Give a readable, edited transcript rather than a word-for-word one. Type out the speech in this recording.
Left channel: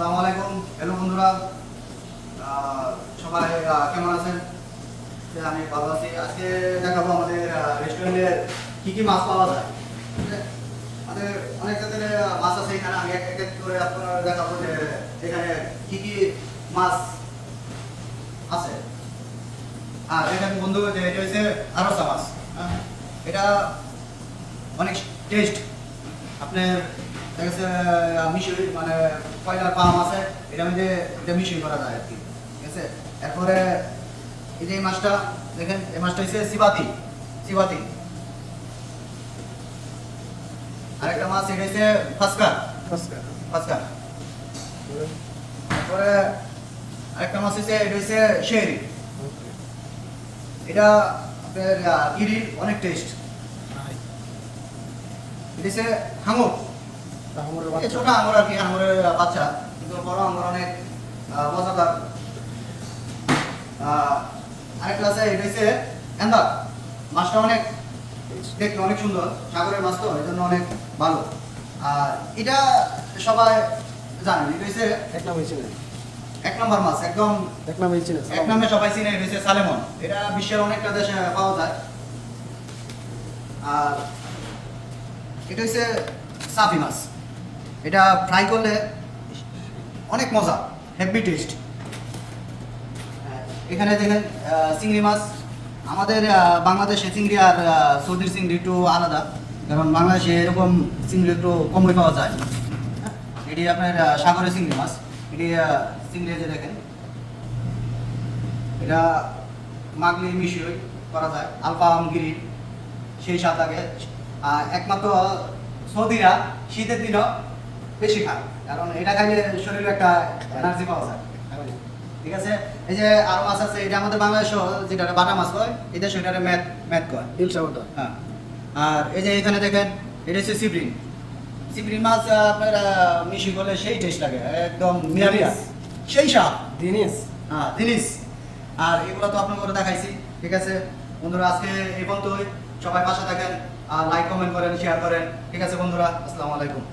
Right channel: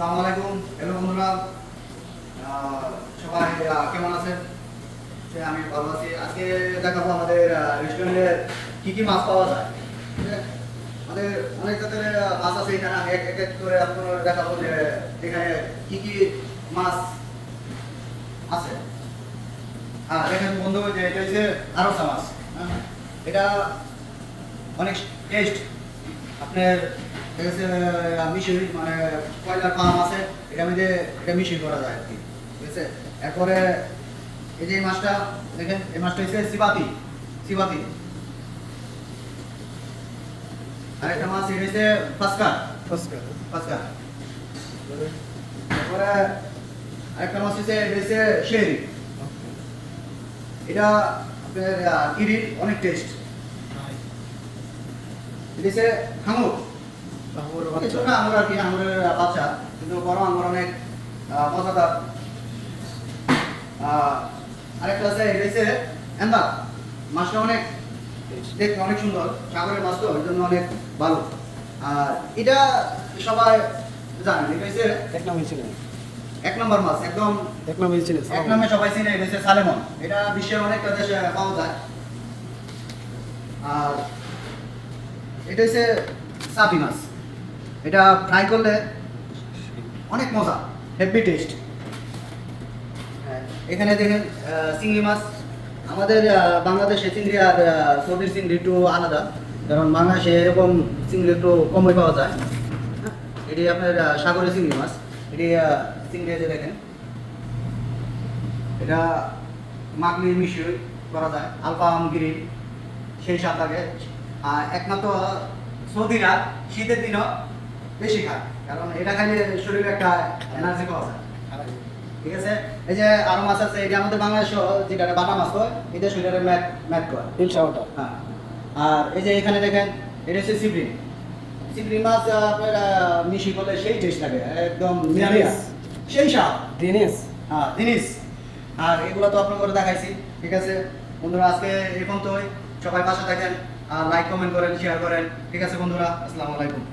আসসালামু আলাইকুম। হ্যালো বন্ধুরা, সবাই কেমন আছেন? আমি ভালো আছি। আজকে দেখাবো আমাদের রেস্টুরেন্টে কি কি মাছ পাওয়া যায়। ঠিক আছে? আমাদের অনেক জাতের মাছ আছে এখানে। আমি এক এক করে আপনারা দেখাবো যে এখানে কি কি মাছ আছে। দেখেন বন্ধু, যে এটা হচ্ছে আরসা মাছ। এটা অনেক টেস্ট। আপনার দেখেছে মিশরি মানে কয়লার পাম আছে, এটার মধ্যে এটা মিশরি করা যায় আর কি। ঠিক আছে, এরপরে এই যে এই মাছটা দেখেন, এই মাছটা হচ্ছে সিবাতি। সিবাতি আরেকটা মাছ এটা হচ্ছে ফাসকার। ফাসকার এরপরে আরেকটা মাছ হচ্ছে এটা হচ্ছে শেরি। এটা গিরিল, অনেক টেস্ট। এটা হচ্ছে হাঙর। ছোট আঙুর আর কি, আঙুরের বাচ্চা, কিন্তু বড় আঙুর অনেক মজাদার। আরেকটা আছে এটা হচ্ছে এন্দার। মাছটা অনেক দেখতে অনেক সুন্দর, সাগরের মাছ তো এই জন্য অনেক ভালো। আর এটা সবাই জানেন, এটা হচ্ছে এক নম্বর মাছ, একদম এক নামে সবাই চিনে। এটা হচ্ছে সালেমন। এটা বিশ্বের অনেকটা দেশে পাওয়া যায়। আর এটা হচ্ছে সাফি মাছ। এটা ফ্রাই করলে অনেক মজা, হেভি টেস্ট। এখানে দেখেন চিংড়ি মাছ। আমাদের বাংলাদেশে চিংড়ি আর সৌদির চিংড়ি একটু আলাদা, কারণ বাংলাদেশে এরকম চিংড়ি একটু কমই পাওয়া যায়। এটি আপনার সাগরের চিংড়ি মাছ। এটি চিংড়ি যে দেখেন, এটা মাগলি মিশিয়ে করা যায়, আলপা আমগিরি, সেই স্বাদ লাগে। একমাত্র সৌদিরা শীতের দিনও বেশি খায়, কারণ এটা খাইলে শরীরে একটা এনার্জি পাওয়া যায়। ঠিক আছে, এই যে আরো মাছ আছে, এটা আমাদের বাংলাদেশ যেটা বাটা মাছ হয়, এটা শরীরে ম্যাথ ম্যাথ করে। হ্যাঁ, আর এই যে এখানে দেখেন, এটা হচ্ছে সিপ্রিন। সিপ্রিন মাছ আপনার মিশি করলে সেই টেস্ট লাগে, একদম নিরামিষ, সেই স্বাদ জিনিস। হ্যাঁ জিনিস। আর এগুলো তো আপনার করে দেখাইছি। ঠিক আছে বন্ধুরা, আজকে এই পর্যন্তই। সবাই পাশে থাকেন আর লাইক কমেন্ট করেন, শেয়ার করেন। ঠিক আছে বন্ধুরা, আসসালামু আলাইকুম।